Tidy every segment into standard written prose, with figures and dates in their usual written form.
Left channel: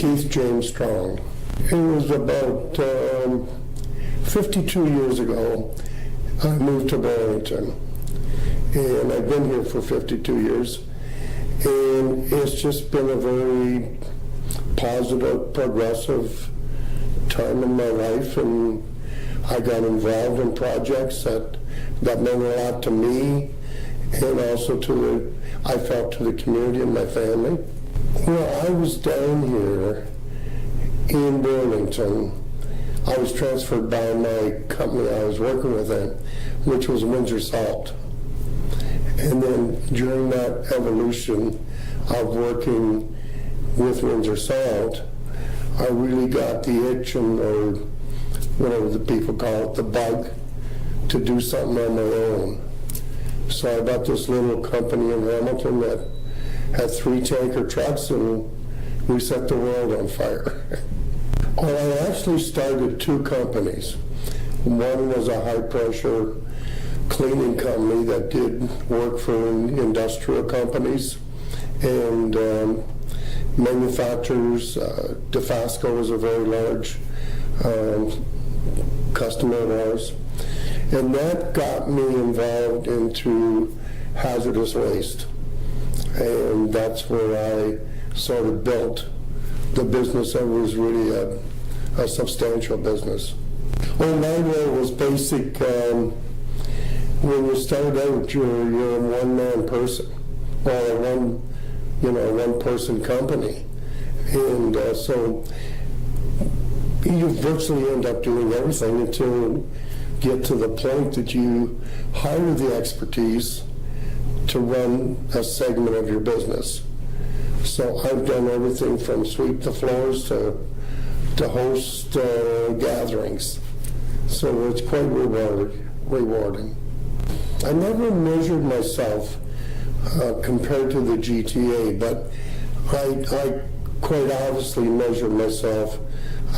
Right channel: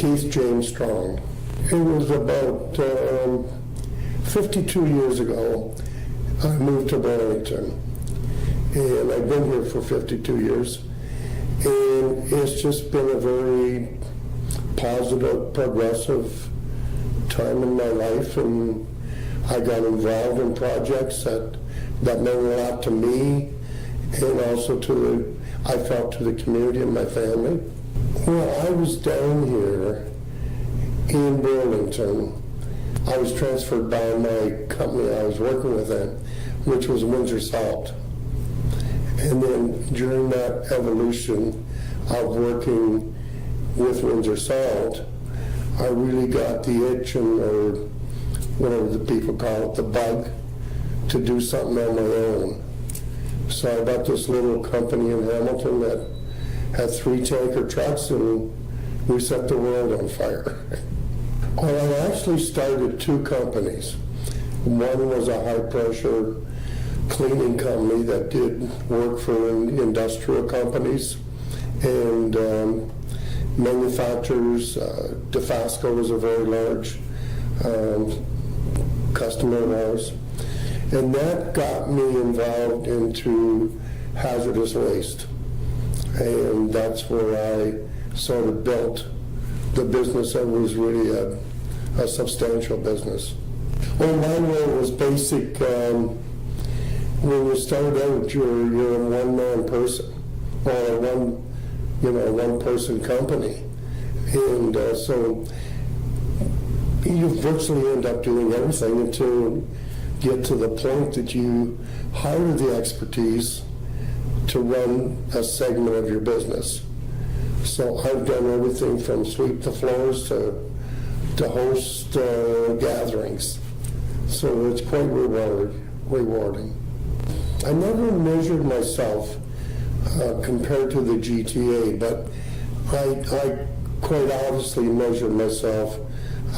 Keith James Strong. It was about 52 years ago I moved to Burlington, and I've been here for 52 years, and it's just been a very positive, progressive time in my life, and I got involved in projects that meant a lot to me, and also I felt to the community and my family. Well, I was down here in Burlington. I was transferred by my company I was working with then, which was Windsor Salt. And then during that evolution of working with Windsor Salt, I really got the itch, or whatever the people call it, the bug, to do something on my own. So I got this little company in Hamilton that had 3 tanker trucks, and we set the world on fire. Well, I actually started 2 companies. One was a high-pressure cleaning company that did work for industrial companies and manufacturers. DeFasco was a very large customer of ours. And that got me involved into hazardous waste. And that's where I sort of built the business that was really a substantial business. Well, my role was basic. When you start out, you're a one-man person, or a one-person company, and so you virtually end up doing everything until you get to the point that you hire the expertise to run a segment of your business. So I've done everything from sweep the floors to host gatherings. So it's quite rewarding. I never measured myself compared to the GTA, but I quite obviously measured myself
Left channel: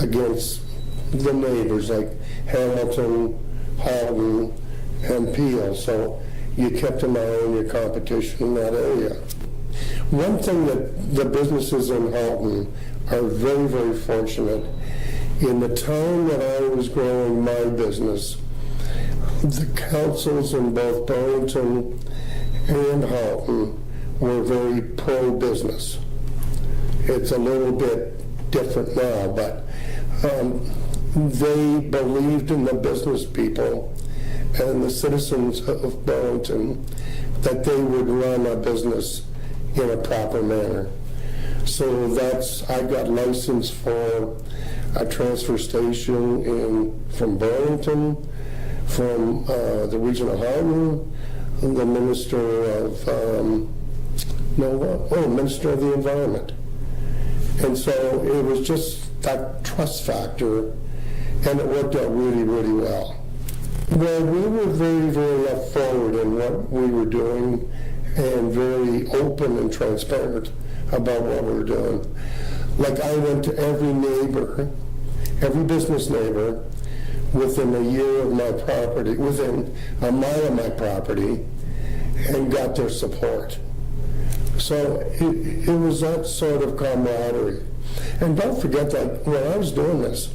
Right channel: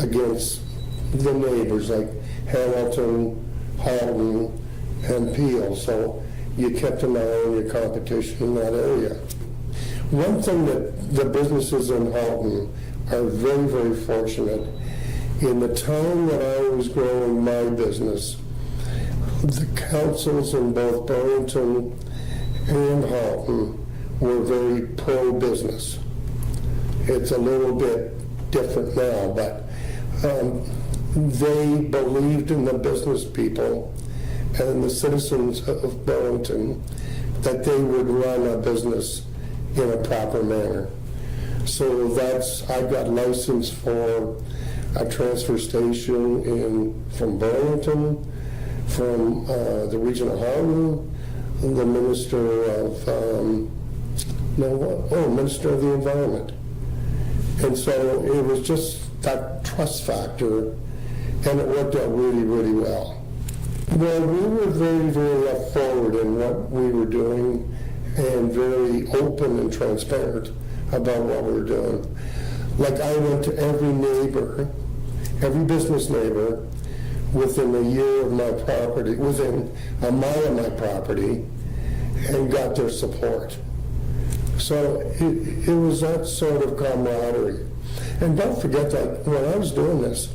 against the neighbors like Hamilton, Halton, and Peel. So you kept an eye on your competition in that area. One thing that the businesses in Halton are very, very fortunate, in the time that I was growing my business, the councils in both Burlington and Halton were very pro-business. It's a little bit different now, but they believed in the business people and the citizens of Burlington that they would run a business in a proper manner. So I got licensed for a transfer station from Burlington, from the region of Halton, the Minister of Minister of the Environment. And so it was just that trust factor, and it worked out really, really well. Well, we were very, very forward in what we were doing and very open and transparent about what we were doing. Like, I went to every neighbor, every business neighbor, within a year of my property, within a mile of my property, and got their support. So it was that sort of camaraderie. And don't forget that when I was doing this,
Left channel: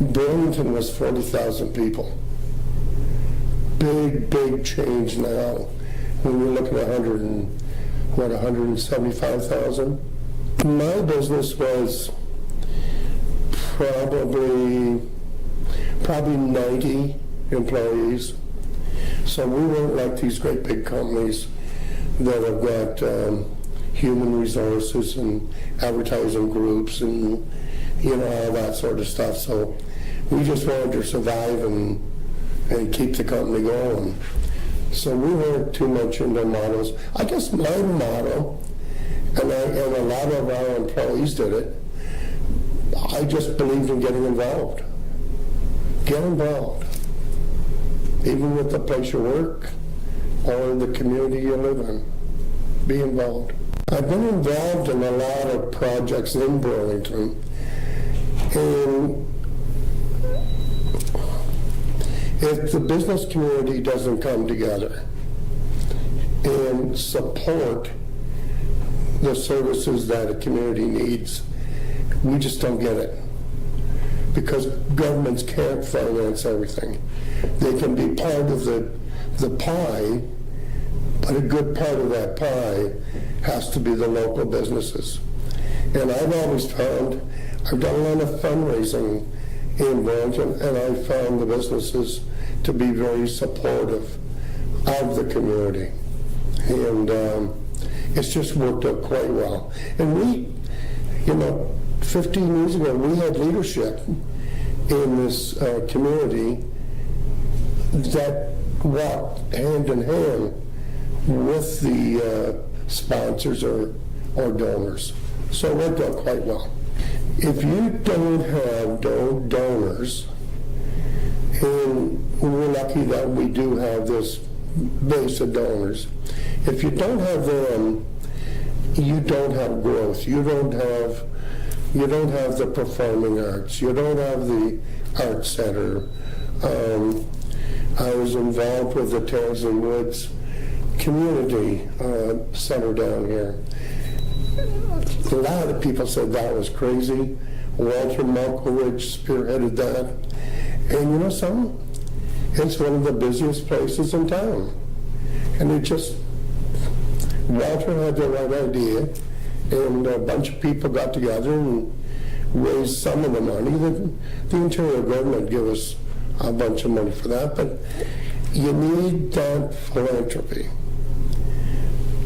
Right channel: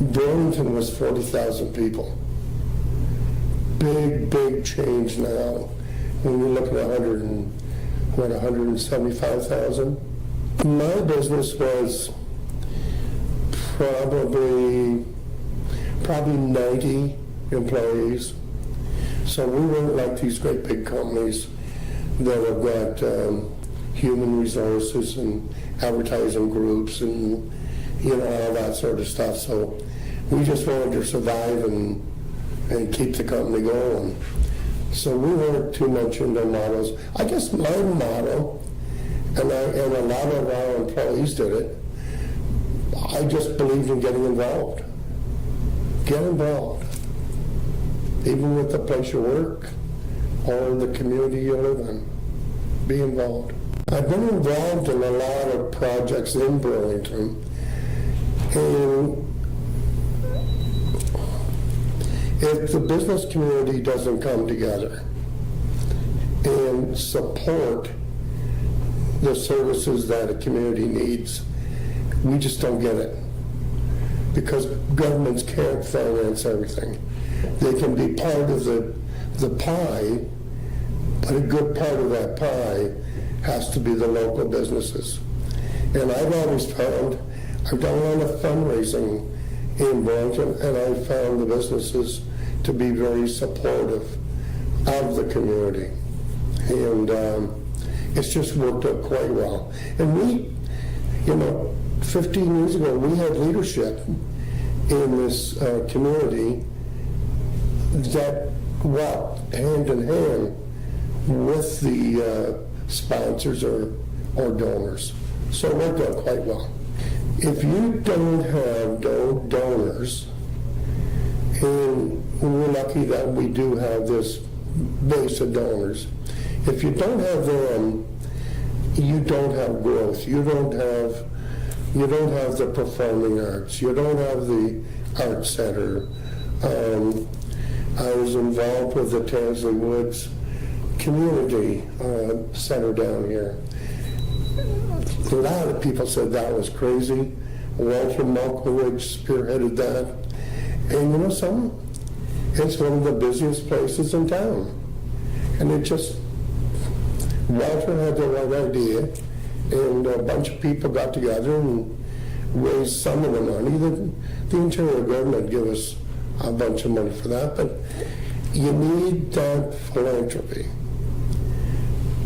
Burlington was 40,000 people. Big, big change now. When you're looking at 175,000. My business was probably 90 employees. So we weren't like these great big companies that have got human resources and advertising groups and all that sort of stuff. So we just wanted to survive and keep the company going. So we weren't too much into models. I guess my motto, and a lot of our employees did it, I just believed in getting involved. Get involved. Even with the place you work or the community you live in. Be involved. I've been involved in a lot of projects in Burlington, and if the business community doesn't come together and support the services that a community needs We just don't get it. Because governments can't finance everything. They can be part of the pie, but a good part of that pie has to be the local businesses. And I've always found, I've done a lot of fundraising in Burlington, and I've found the businesses to be very supportive of the community. And it's just worked out quite well. And we, 15 years ago, we had leadership in this community that walked hand in hand with the sponsors or donors. So it worked out quite well. If you don't have donors, and we're lucky that we do have this base of donors, if you don't have them, you don't have growth. You don't have the performing arts. You don't have the art center. I was involved with the Tansley Woods Community Center down here. A lot of people said that was crazy. Walter Malkowicz spearheaded that. And you know something? It's one of the busiest places in town. And Walter had the right idea, and a bunch of people got together and raised some of the money. The interior government gave us a bunch of money for that, but you need that philanthropy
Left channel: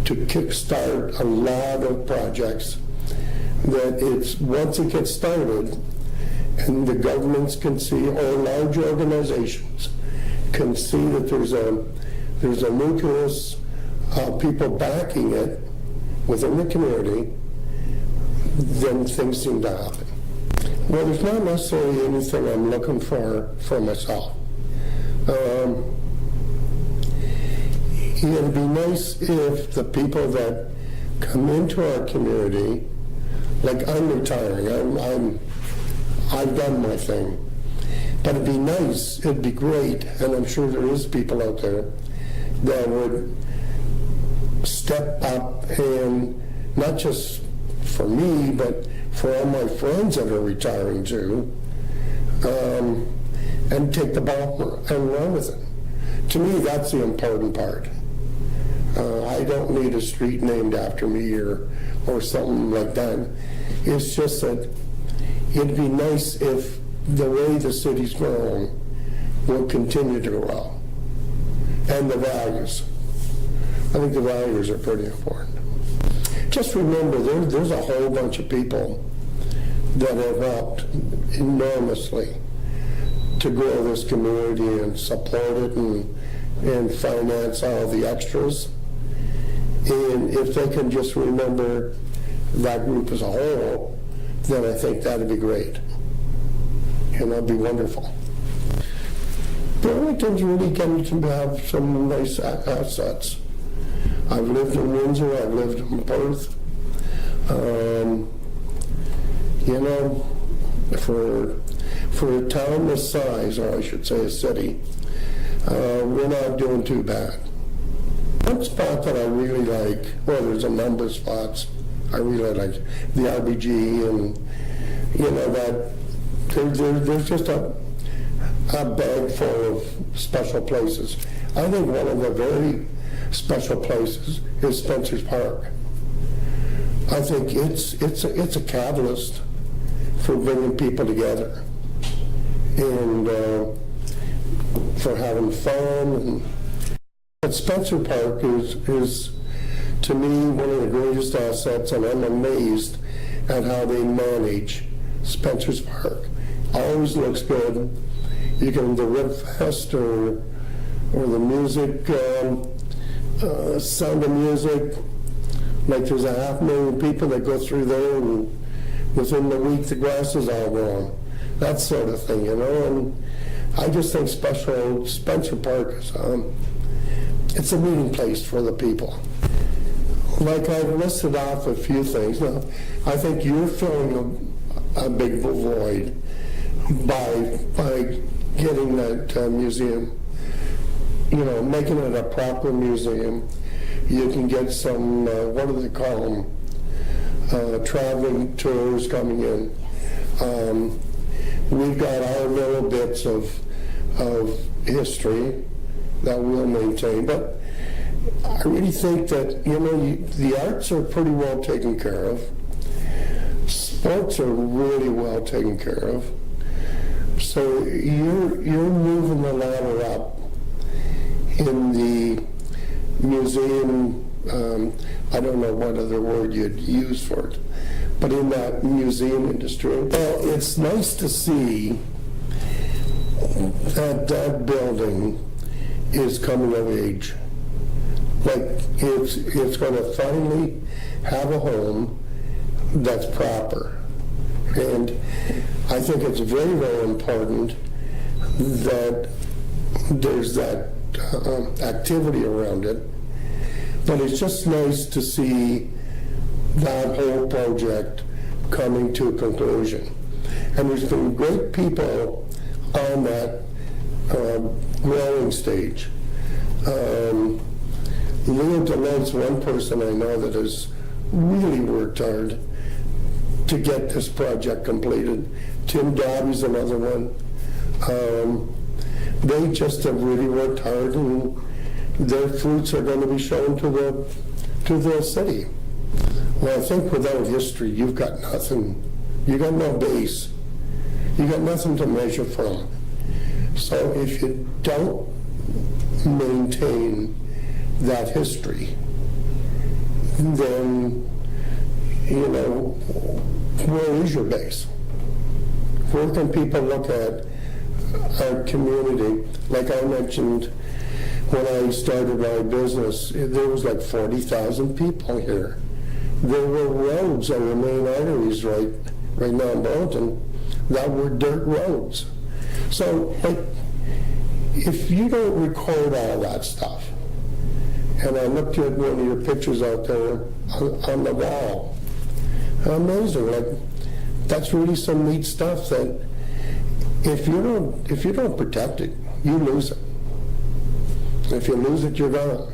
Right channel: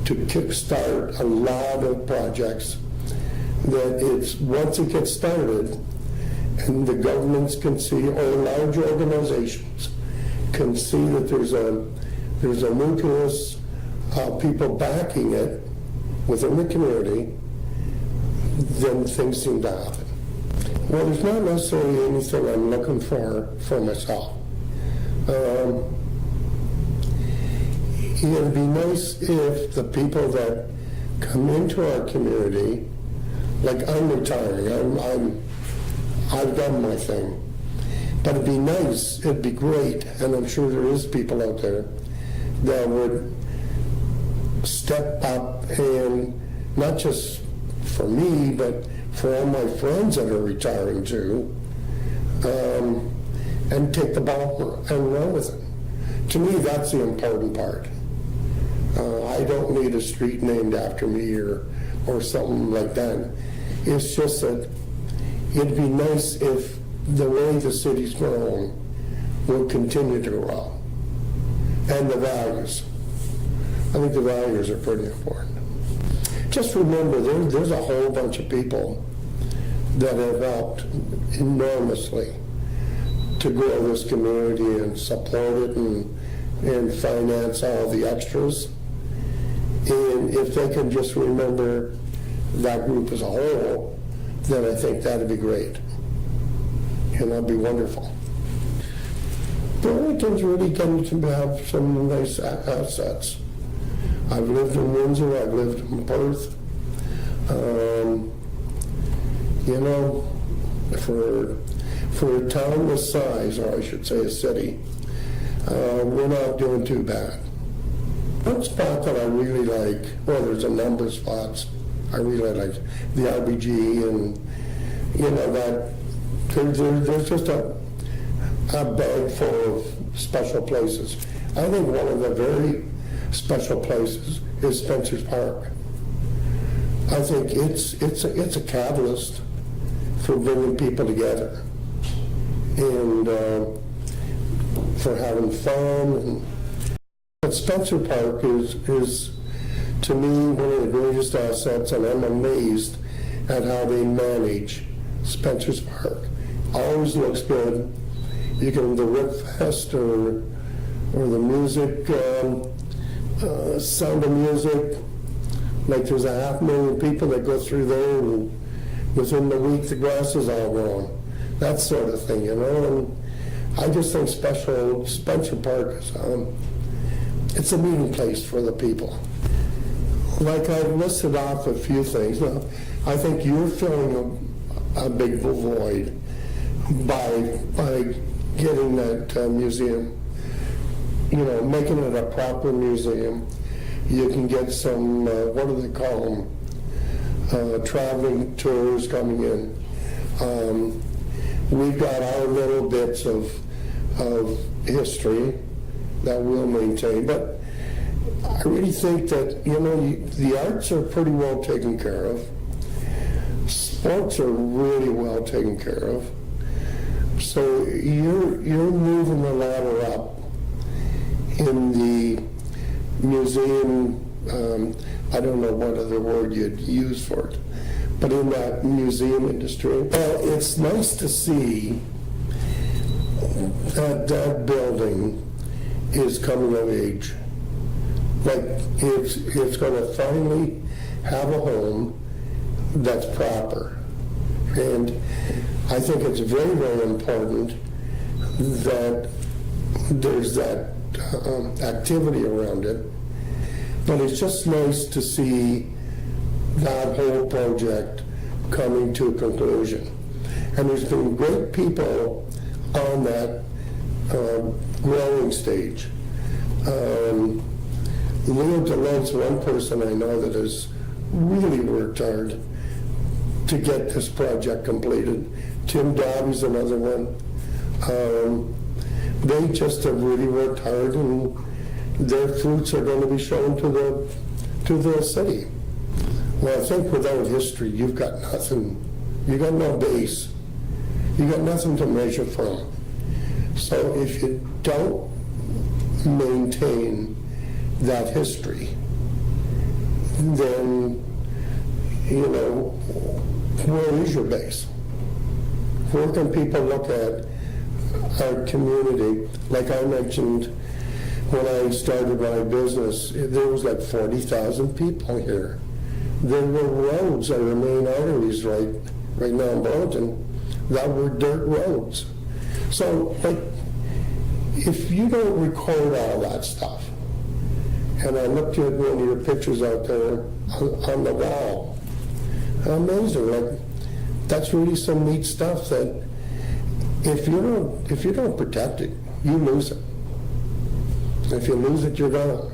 to kickstart a lot of projects that once it gets started, and the governments can see, or large organizations can see that there's a nucleus of people backing it within the community, then things seem to happen. Well, there's not necessarily anything I'm looking for myself. It'd be nice if the people that come into our community, like I'm retiring, I've done my thing, but it'd be nice, it'd be great, and I'm sure there is people out there that would step up, and not just for me, but for all my friends that are retiring too, and take the ball and run with it. To me, that's the important part. I don't need a street named after me or something like that. It's just that it'd be nice if the way the city's growing will continue to grow. And the values. I think the values are pretty important. Just remember, there's a whole bunch of people that have helped enormously to grow this community and support it and finance all the extras. And if they can just remember that group as a whole, then I think that'd be great. And that'd be wonderful. Burlington's really getting to have some nice assets. I've lived in Windsor, I've lived in Perth. For a town this size, or I should say a city, we're not doing too bad. One spot that I really like, well, there's a number of spots I really like, the RBG, and that there's just a bag full of special places. I think one of the very special places is Spencer's Park. I think it's a catalyst for bringing people together and for having fun. But Spencer Park is to me one of the greatest assets, and I'm amazed at how they manage Spencer's Park. Always looks good. You can the Rib Fest or the music, Sound of Music. Like there's 500,000 people that go through there, and within the week the grass is all grown. That sort of thing, And I just think Spencer Park is it's a meeting place for the people. Like I've listed off a few things. Now, I think you're filling a big void by getting that museum, making it a proper museum. You can get some, what do they call them, traveling tours coming in. We've got our little bits of history that we'll maintain, but I really think that, the arts are pretty well taken care of. Sports are really well taken care of. So you're moving the ladder up in the museum, I don't know what other word you'd use for it, but in that museum industry. Well, it's nice to see that that building is coming of age. Like, it's going to finally have a home that's proper. And I think it's very, very important that there's that activity around it. But it's just nice to see that whole project coming to a conclusion. And there's been great people on that growing stage. Leo DeLone's one person I know that has really worked hard to get this project completed. Tim Dobby's another one. They just have really worked hard, and their fruits are going to be shown to the city. Well, I think without history, you've got nothing. You got no base. You got nothing to measure from. So if you don't maintain that history, then, where is your base? Where can people look at our community? Like I mentioned, when I started my business, there was like 40,000 people here. There were roads on the main arteries right now in Burlington that were dirt roads. So, if you don't record all that stuff, and I looked at one of your pictures out there on the wall, amazing. That's really some neat stuff that if you don't protect it, you lose it. If you lose it, you're gone.